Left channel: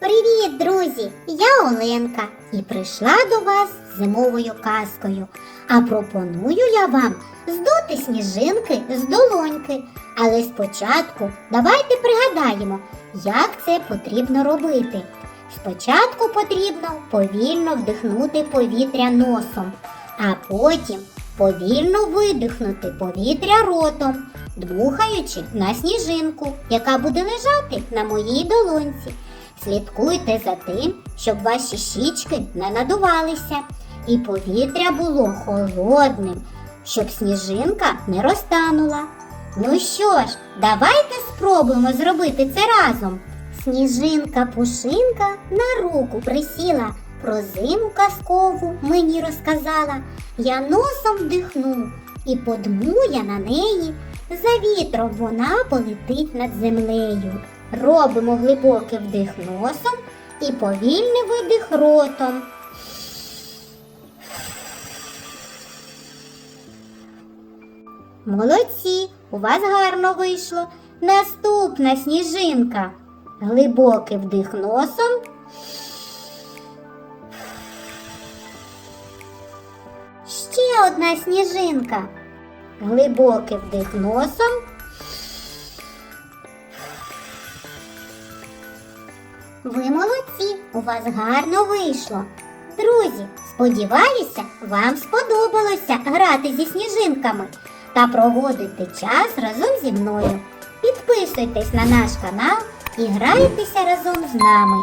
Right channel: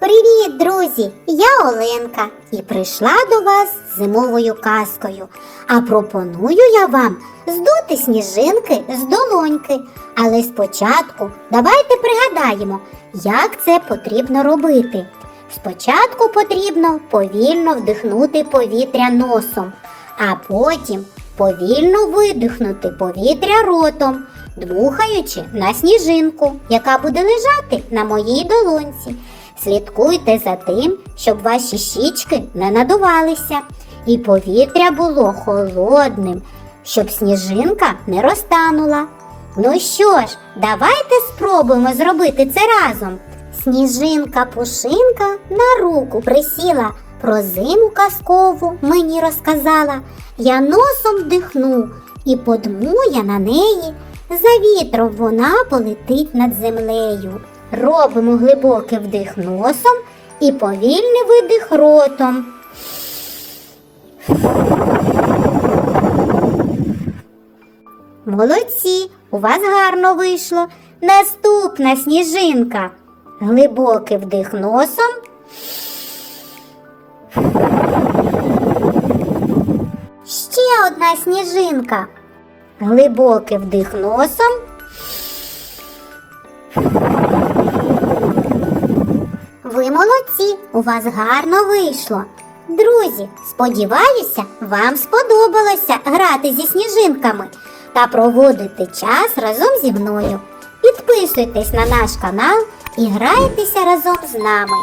Привіт, друзі! Я Оленка і прийшла до вас зимовою казкою. А пропоную я вам здути сніжинки з долоньки. Але спочатку давайте пригадаємо, як це потрібно робити. Спочатку потрібно повільно вдихнути повітря носом, а потім повільно видихнути повітря ротом, дмухаючи на сніжинку, яка буде лежати на моїй долонці. Слідкуйте за тим, щоб ваші щічки не надувалися, і повітря було холодним, щоб сніжинка не розтанула. Ну що ж, давайте спробуємо зробити це разом. Сніжинка пушинка на руку присіла, про зиму казкову мені розказала. Я носом вдихну і подмує на неї. За вітром вона полетить над землею. Робимо глибокий вдих носом і повільний видих ротом. Молодці, у вас гарно вийшло. Наступна сніжинка. Глибокий вдих носом. Ще одна сніжинка. Глибокий вдих носом. Ви молодці, у вас гарно вийшло. Друзі, сподіваюся, вам сподобалося грати зі сніжинками та проводити час разом зі мною. Підписуйтесь на наш канал і грайтеся разом з нами.